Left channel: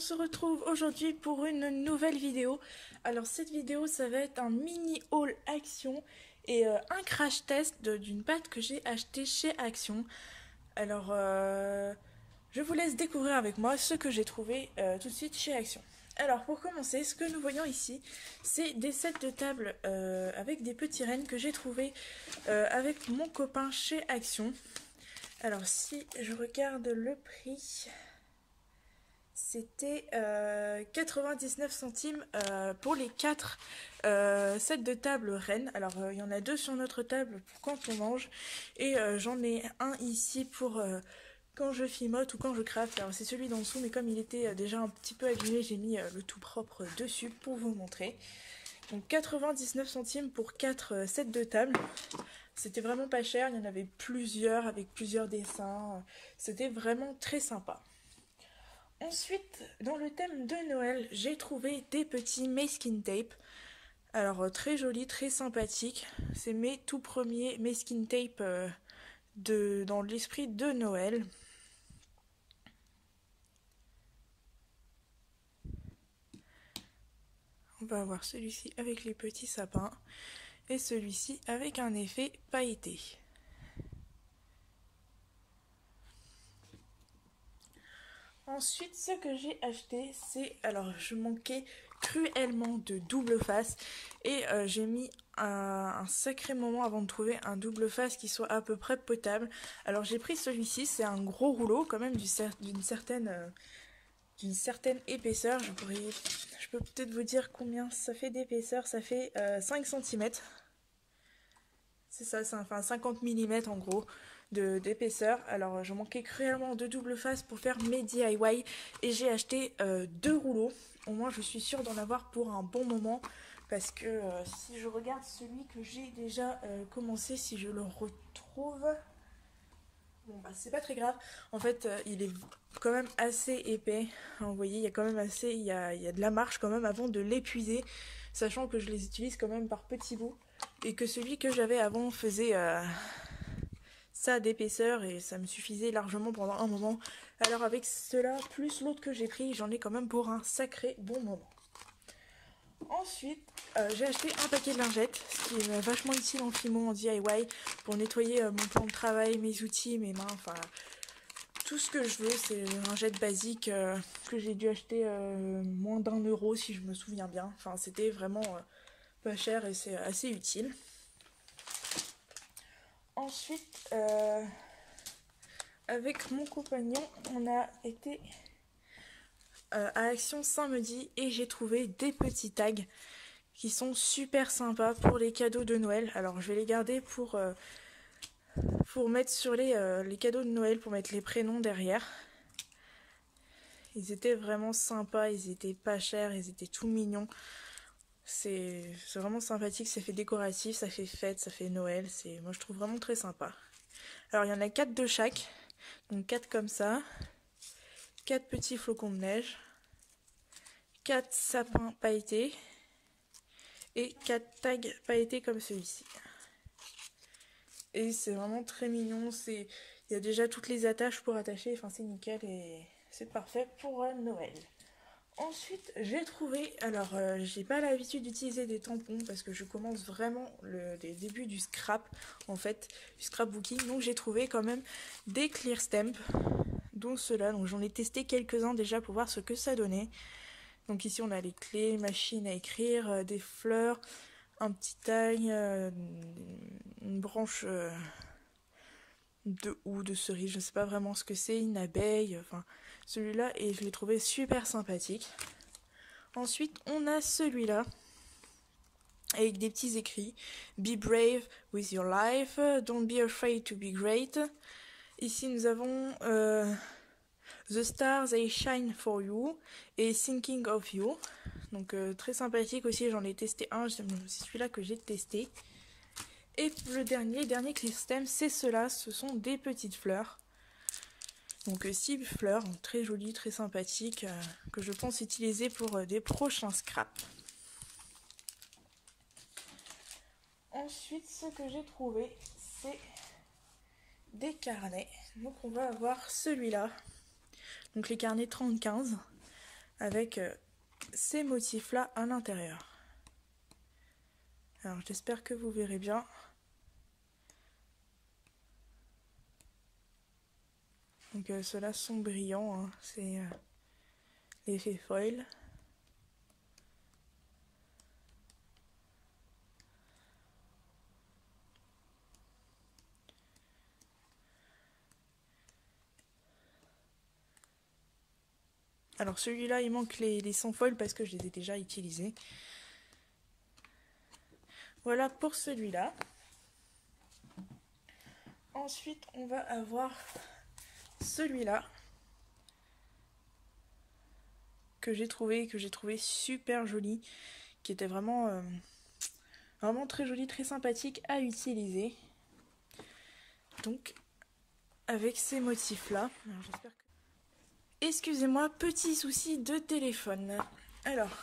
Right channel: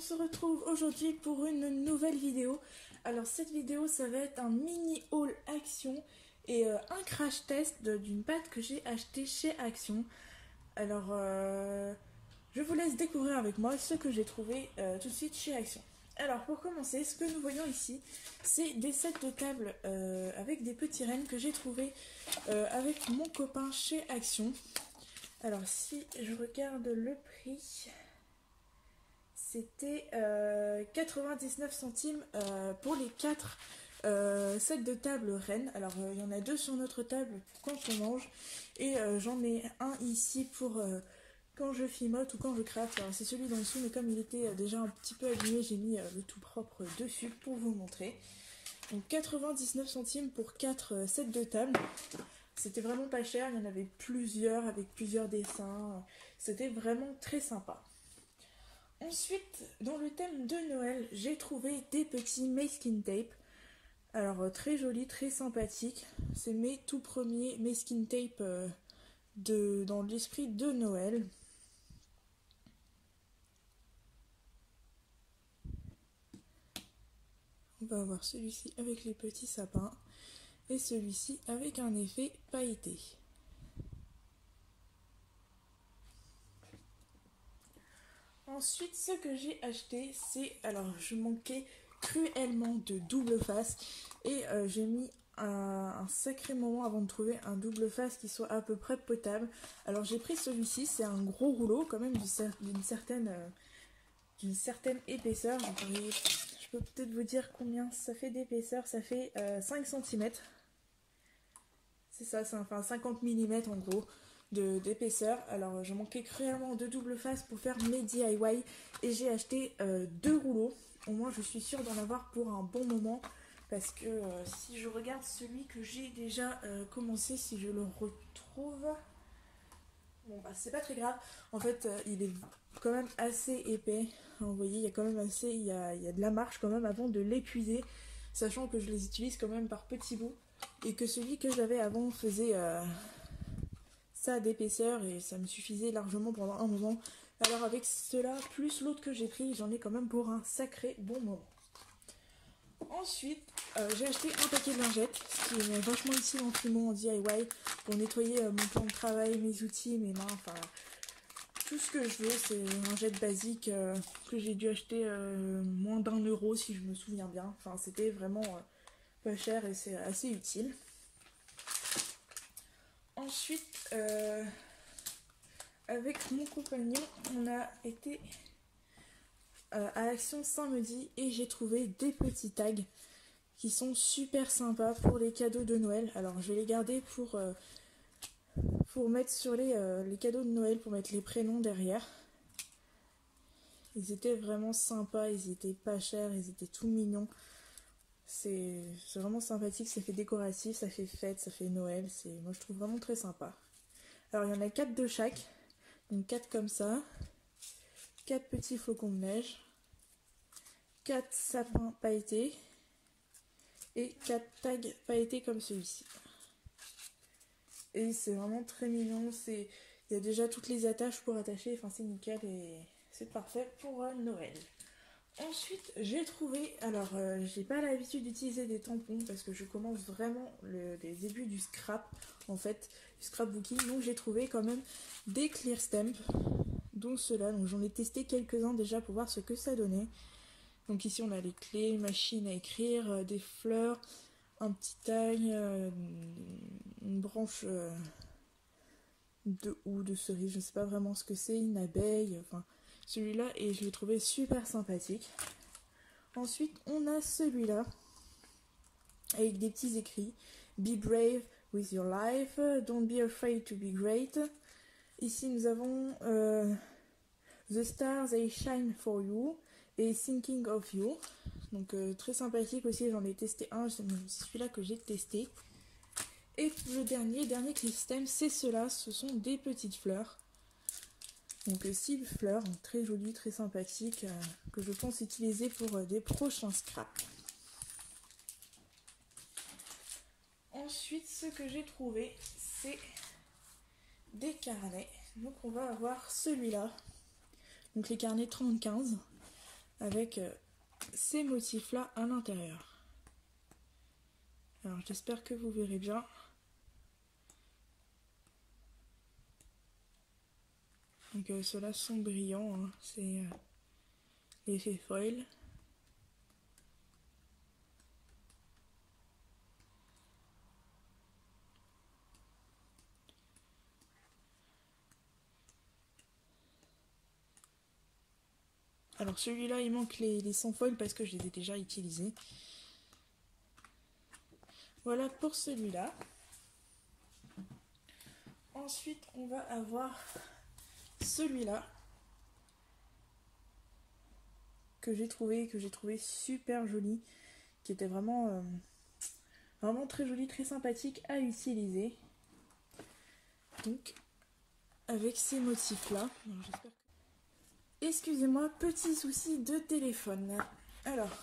se retrouve aujourd'hui pour une nouvelle vidéo. Alors cette vidéo ça va être un mini haul Action et un crash test d'une pâte que j'ai achetée chez Action. Alors je vous laisse découvrir avec moi ce que j'ai trouvé tout de suite chez Action. Alors pour commencer, ce que nous voyons ici, c'est des sets de table avec des petits rennes que j'ai trouvé avec mon copain chez Action. Alors si je regarde le prix, c'était 99 centimes pour les 4 sets de table rennes. Alors il y en a 2 sur notre table pour quand on mange et j'en ai un ici pour quand je fimote ou quand je craft. Alors c'est celui d'en dessous, mais comme il était déjà un petit peu abîmé, j'ai mis le tout propre dessus pour vous montrer. Donc 99 centimes pour 4 sets de table. C'était vraiment pas cher, il y en avait plusieurs avec plusieurs dessins. C'était vraiment très sympa. Ensuite, dans le thème de Noël, j'ai trouvé des petits masking tape. Alors très joli, très sympathique. C'est mes tout premiers masking tape dans l'esprit de Noël. On va avoir celui-ci avec les petits sapins et celui-ci avec un effet pailleté. Ensuite, ce que j'ai acheté, c'est... Alors, je manquais cruellement de double face et j'ai mis un sacré moment avant de trouver un double face qui soit à peu près potable. Alors, j'ai pris celui-ci, c'est un gros rouleau quand même d'une certaine épaisseur. Je peux peut-être vous dire combien ça fait d'épaisseur. Ça fait 5 cm. C'est ça, c'est enfin 50 mm en gros d'épaisseur. Alors je manquais cruellement de double face pour faire mes DIY et j'ai acheté 2 rouleaux. Au moins je suis sûre d'en avoir pour un bon moment parce que si je regarde celui que j'ai déjà commencé, si je le retrouve... Bon bah c'est pas très grave, en fait il est quand même assez épais, vous voyez il y a quand même assez, il y a de la marge quand même avant de l'épuiser, sachant que je les utilise quand même par petits bouts, et que celui que j'avais avant faisait ça d'épaisseur et ça me suffisait largement pendant un moment. Alors avec cela plus l'autre que j'ai pris, j'en ai quand même pour un sacré bon moment. Ensuite, j'ai acheté un paquet de lingettes, ce qui est vachement utile en fimo, en DIY, pour nettoyer mon plan de travail, mes outils, mes mains, enfin tout ce que je veux. C'est les lingettes basiques que j'ai dû acheter moins d'1 € si je me souviens bien. Enfin c'était vraiment pas cher et c'est assez utile. Ensuite, avec mon compagnon, on a été... à Action samedi et j'ai trouvé des petits tags qui sont super sympas pour les cadeaux de Noël. Alors je vais les garder pour mettre sur les cadeaux de Noël, pour mettre les prénoms derrière. Ils étaient vraiment sympas, ils étaient pas chers, ils étaient tout mignons. C'est vraiment sympathique, ça fait décoratif, ça fait fête, ça fait Noël. Moi je trouve vraiment très sympa. Alors il y en a 4 de chaque, donc 4 comme ça. 4 petits flocons de neige, 4 sapins pailletés et 4 tags pailletés comme celui-ci. Et c'est vraiment très mignon, il y a déjà toutes les attaches pour attacher, enfin c'est nickel et c'est parfait pour Noël. Ensuite j'ai trouvé, alors j'ai pas l'habitude d'utiliser des tampons parce que je commence vraiment les débuts du scrap en fait, du scrapbooking, donc j'ai trouvé quand même des clear stamps. Donc ceux-là, donc j'en ai testé quelques-uns déjà pour voir ce que ça donnait. Donc ici on a les clés, machine à écrire, des fleurs, un petit tag, une branche de houx, de cerise, je ne sais pas vraiment ce que c'est, une abeille, enfin celui-là, et je l'ai trouvé super sympathique. Ensuite on a celui-là avec des petits écrits: Be brave with your life, don't be afraid to be great. Ici nous avons The stars they shine for you et Thinking of you. Donc très sympathique aussi, j'en ai testé un, c'est celui-là que j'ai testé. Et le dernier clear stamp, c'est cela, ce sont des petites fleurs. Donc 6 fleurs, donc très jolies, très sympathiques, que je pense utiliser pour des prochains scraps. Ensuite, ce que j'ai trouvé, c'est des carnets. Donc on va avoir celui-là. Donc les carnets 30-15. avec ces motifs là à l'intérieur. Alors j'espère que vous verrez bien. Donc ceux-là sont brillants, hein. C'est l'effet foil. Alors celui-là il manque les sans foil parce que je les ai déjà utilisés. Voilà pour celui-là. Ensuite on va avoir celui-là que j'ai trouvé super joli, qui était vraiment très joli, très sympathique à utiliser. Donc avec ces motifs là. Excusez-moi, petit souci de téléphone. Alors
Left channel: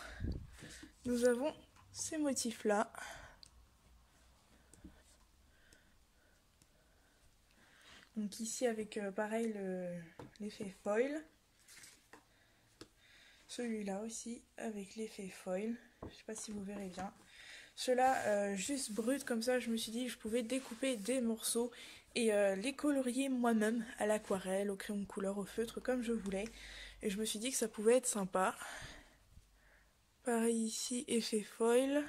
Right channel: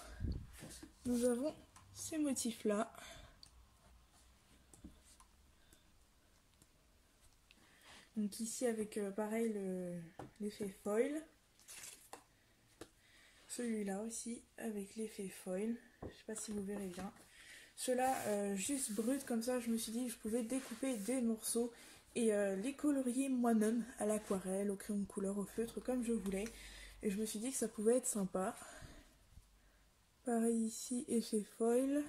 nous avons ces motifs là. Donc ici avec pareil l'effet foil. Celui-là aussi avec l'effet foil. Je sais pas si vous verrez bien. Ceux-là juste brut comme ça, je me suis dit que je pouvais découper des morceaux et les colorier moi-même à l'aquarelle, au crayon de couleur, au feutre, comme je voulais. Et je me suis dit que ça pouvait être sympa. Pareil ici, effet foil.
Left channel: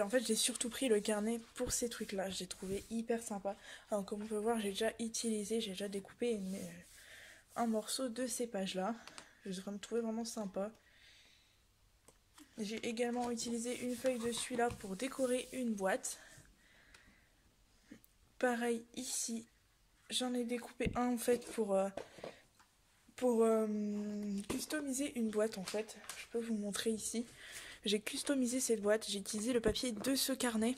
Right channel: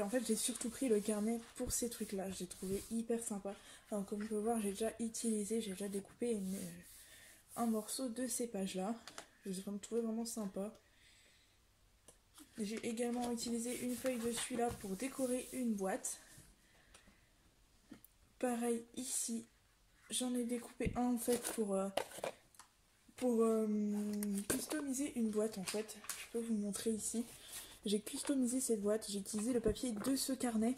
En fait j'ai surtout pris le carnet pour ces trucs là, je l'ai trouvé hyper sympa. Alors, comme on peut voir j'ai déjà utilisé, j'ai déjà découpé un morceau de ces pages là. Je me trouvais vraiment sympa. J'ai également utilisé une feuille de celui-là pour décorer une boîte. Pareil ici, j'en ai découpé un en fait pour customiser une boîte en fait. Je peux vous montrer ici. J'ai customisé cette boîte, j'ai utilisé le papier de ce carnet.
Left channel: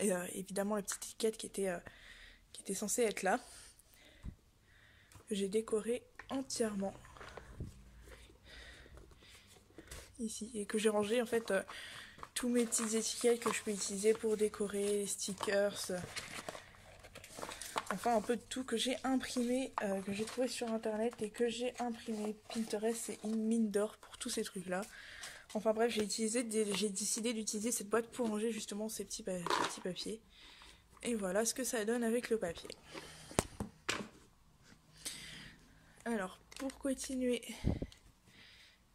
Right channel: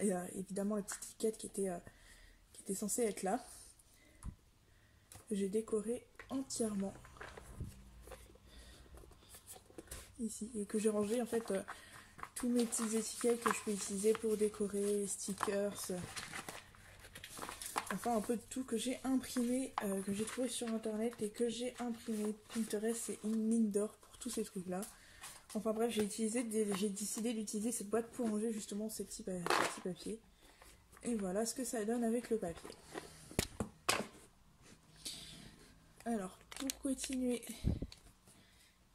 Et évidemment la petite étiquette qui était censée être là. J'ai décoré entièrement. Ici. Et que j'ai rangé en fait tous mes petites étiquettes que je peux utiliser pour décorer, stickers. Enfin un peu de tout que j'ai imprimé, que j'ai trouvé sur internet et que j'ai imprimé. Pinterest c'est une mine d'or pour tous ces trucs là. Enfin bref, j'ai décidé d'utiliser cette boîte pour ranger justement ces petits papiers. Et voilà ce que ça donne avec le papier. Alors, pour continuer,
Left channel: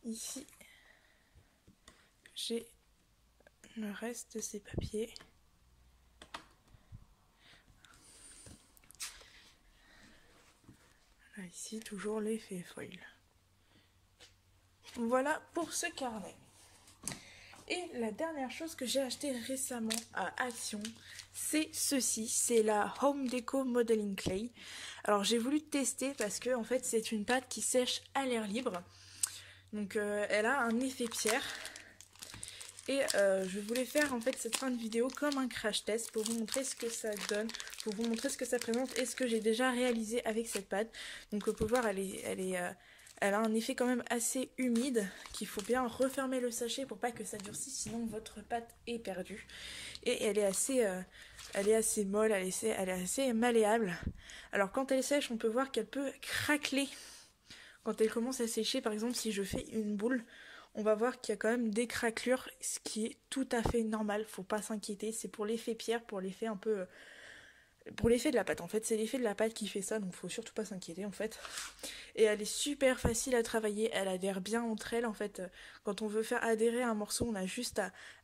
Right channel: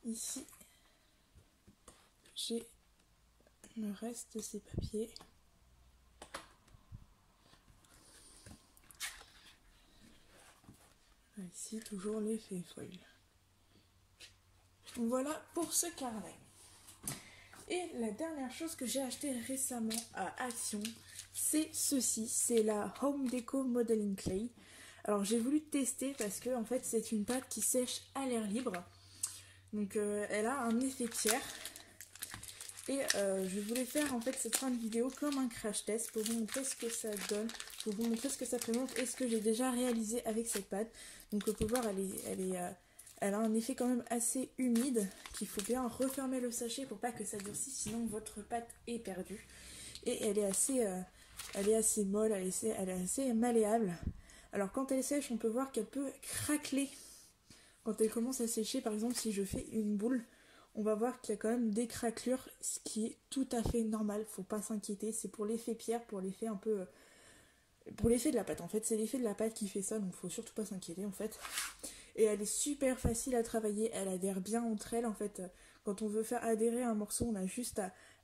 ici, j'ai le reste de ces papiers. Là, ici, toujours l'effet foil. Voilà pour ce carnet. Et la dernière chose que j'ai acheté récemment à Action, c'est ceci, c'est la Home Deco Modeling Clay. Alors j'ai voulu tester parce que en fait c'est une pâte qui sèche à l'air libre. Donc elle a un effet pierre. Et je voulais faire en fait cette fin de vidéo comme un crash test pour vous montrer ce que ça donne, pour vous montrer ce que ça présente et ce que j'ai déjà réalisé avec cette pâte. Donc on peut voir elle a un effet quand même assez humide, qu'il faut bien refermer le sachet pour pas que ça durcisse, sinon votre pâte est perdue. Et elle est assez molle, elle est assez malléable. Alors quand elle sèche, on peut voir qu'elle peut craqueler. Quand elle commence à sécher, par exemple si je fais une boule, on va voir qu'il y a quand même des craquelures, ce qui est tout à fait normal, faut pas s'inquiéter. C'est pour l'effet pierre, pour l'effet un peu... pour l'effet de la pâte, en fait, c'est l'effet de la pâte qui fait ça, donc faut surtout pas s'inquiéter en fait. Et elle est super facile à travailler, elle adhère bien entre elles en fait. Quand on veut faire adhérer un morceau, on a juste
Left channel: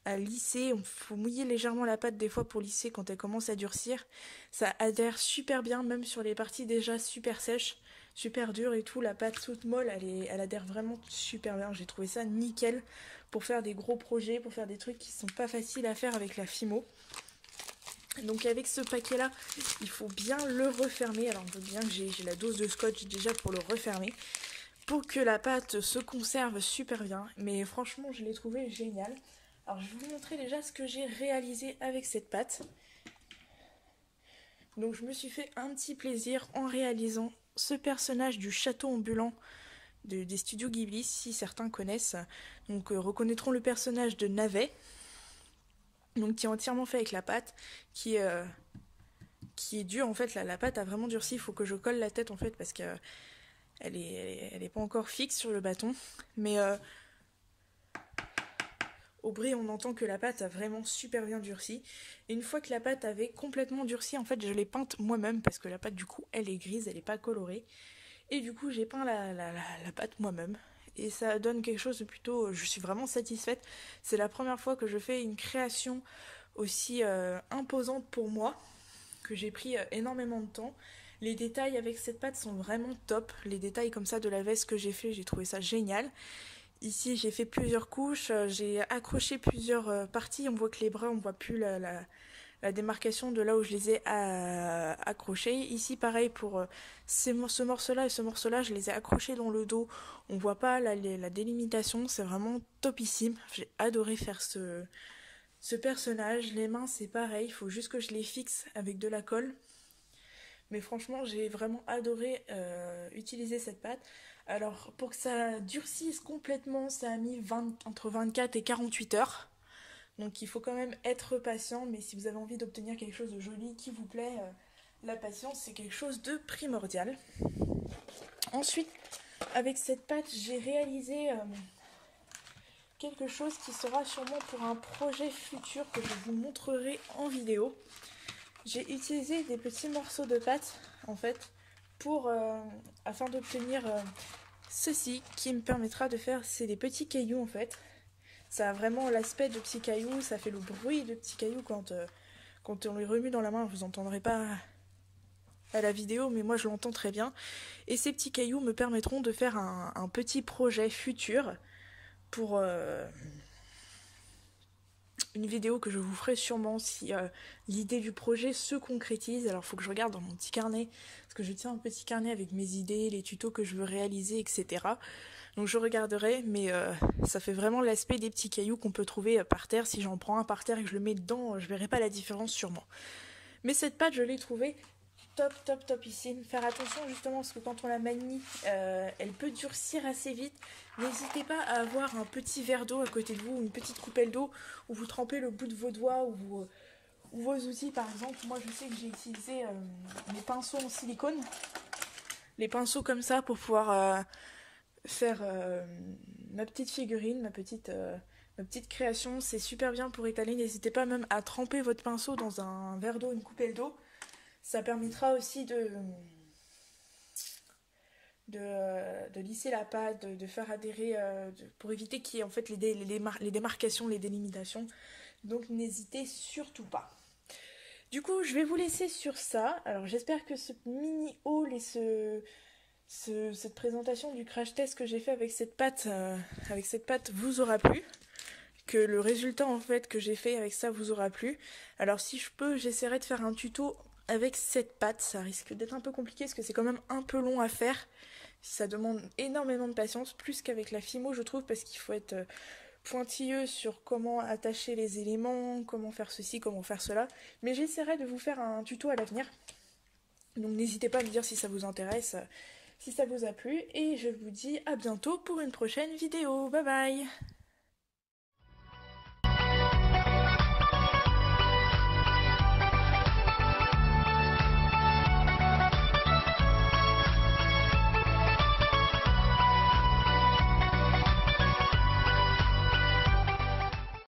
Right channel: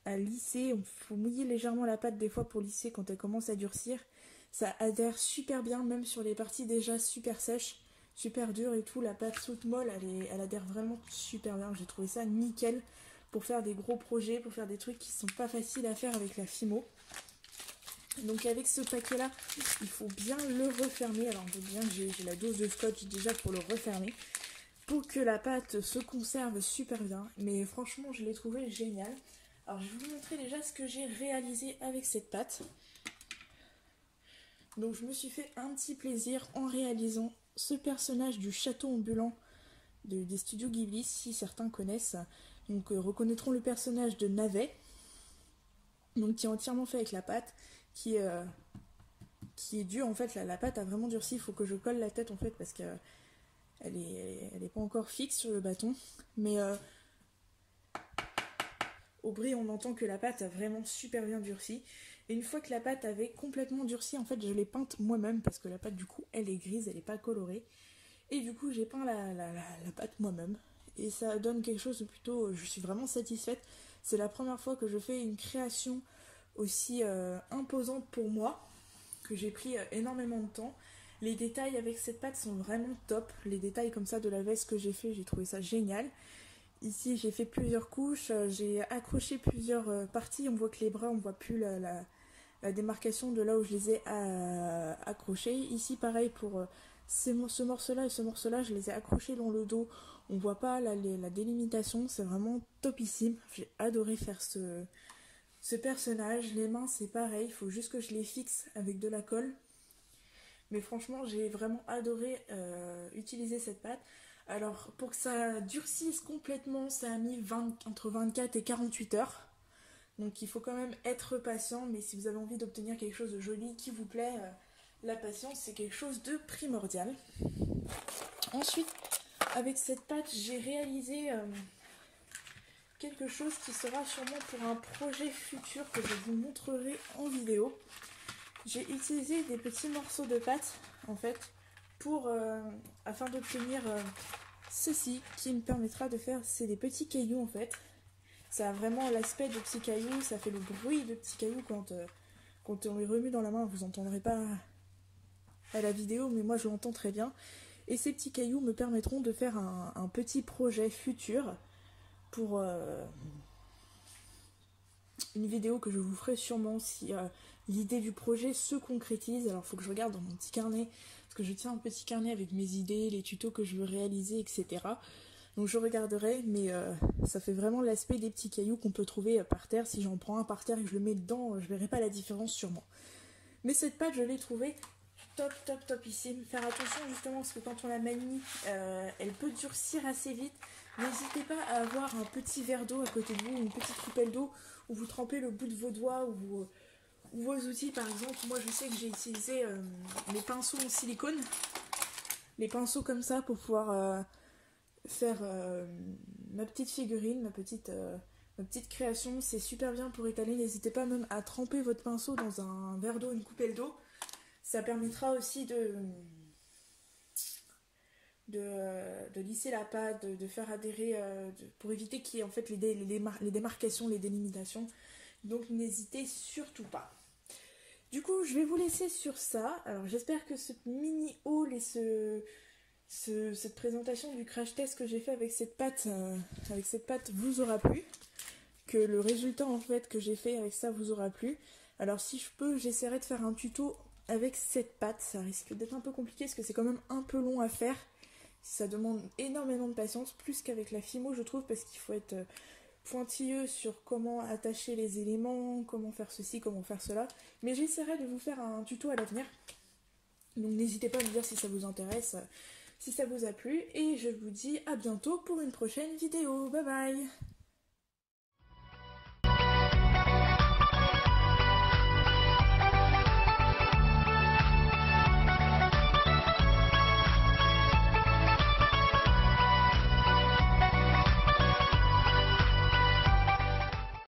à lisser, il faut mouiller légèrement la pâte des fois pour lisser quand elle commence à durcir. Ça adhère super bien, même sur les parties déjà super sèches, super dures et tout. La pâte toute molle, elle adhère vraiment super bien. J'ai trouvé ça nickel pour faire des gros projets, pour faire des trucs qui sont pas faciles à faire avec la Fimo. Donc avec ce paquet là, il faut bien le refermer. Alors je veux bien que j'ai la dose de scotch déjà pour le refermer, pour que la pâte se conserve super bien. Mais franchement je l'ai trouvé génial. Alors je vais vous montrer déjà ce que j'ai réalisé avec cette pâte. Donc je me suis fait un petit plaisir en réalisant ce personnage du château ambulant des studios Ghibli, si certains connaissent. Donc reconnaîtront le personnage de Navet. Donc qui est entièrement fait avec la pâte, qui qui est dure en fait, la pâte a vraiment durci, il faut que je colle la tête en fait parce que elle est pas encore fixe sur le bâton, mais au bruit on entend que la pâte a vraiment super bien durci. Et une fois que la pâte avait complètement durci, en fait je l'ai peinte moi-même parce que la pâte du coup elle est grise, elle est pas colorée, et du coup j'ai peint la pâte moi-même. Et ça donne quelque chose de plutôt... Je suis vraiment satisfaite. C'est la première fois que je fais une création aussi imposante pour moi, que j'ai pris énormément de temps. Les détails avec cette pâte sont vraiment top. Les détails comme ça de la veste que j'ai fait, j'ai trouvé ça génial. Ici j'ai fait plusieurs couches, j'ai accroché plusieurs parties. On voit que les bras, on voit plus la démarcation de là où je les ai accrochés. Ici pareil pour ce morceau-là et ce morceau-là, je les ai accrochés dans le dos. On voit pas la délimitation, c'est vraiment topissime. J'ai adoré faire ce personnage. Les mains c'est pareil, il faut juste que je les fixe avec de la colle. Mais franchement j'ai vraiment adoré utiliser cette pâte. Alors pour que ça durcisse complètement, ça a mis entre 24 et 48 heures. Donc il faut quand même être patient, mais si vous avez envie d'obtenir quelque chose de joli qui vous plaît, la patience c'est quelque chose de primordial. Ensuite, avec cette pâte, j'ai réalisé quelque chose qui sera sûrement pour un projet futur que je vous montrerai en vidéo. J'ai utilisé des petits morceaux de pâte en fait afin d'obtenir ceci qui me permettra de faire, c'est des petits cailloux en fait. Ça a vraiment l'aspect de petits cailloux, ça fait le bruit de petits cailloux quand on les remue dans la main. Vous n'entendrez pas à la vidéo, mais moi je l'entends très bien. Et ces petits cailloux me permettront de faire un petit projet futur pour une vidéo que je vous ferai sûrement si l'idée du projet se concrétise. Alors il faut que je regarde dans mon petit carnet, parce que je tiens un petit carnet avec mes idées, les tutos que je veux réaliser, etc. Donc je regarderai, mais ça fait vraiment l'aspect des petits cailloux qu'on peut trouver par terre. Si j'en prends un par terre et que je le mets dedans, je verrai pas la différence sûrement. Mais cette pâte, je l'ai trouvée topissime. Faire attention justement parce que quand on la manie, elle peut durcir assez vite. N'hésitez pas à avoir un petit verre d'eau à côté de vous, une petite coupelle d'eau où vous trempez le bout de vos doigts ou vos outils. Par exemple, moi je sais que j'ai utilisé les pinceaux en silicone, les pinceaux comme ça pour pouvoir faire ma petite figurine, ma petite création. C'est super bien pour étaler. N'hésitez pas même à tremper votre pinceau dans un verre d'eau, une coupelle d'eau. Ça permettra aussi de lisser la pâte, de faire adhérer, pour éviter qu'il y ait en fait les démarcations, les délimitations. Donc n'hésitez surtout pas. Du coup, je vais vous laisser sur ça. Alors j'espère que ce mini haul et cette présentation du crash test que j'ai fait avec cette pâte vous aura plu. Que le résultat en fait que j'ai fait avec ça vous aura plu. Alors si je peux, j'essaierai de faire un tuto avec cette pâte. Ça risque d'être un peu compliqué parce que c'est quand même un peu long à faire. Ça demande énormément de patience, plus qu'avec la Fimo je trouve, parce qu'il faut être pointilleux sur comment attacher les éléments, comment faire ceci, comment faire cela. Mais j'essaierai de vous faire un tuto à l'avenir. Donc n'hésitez pas à me dire si ça vous intéresse, si ça vous a plu. Et je vous dis à bientôt pour une prochaine vidéo. Bye bye!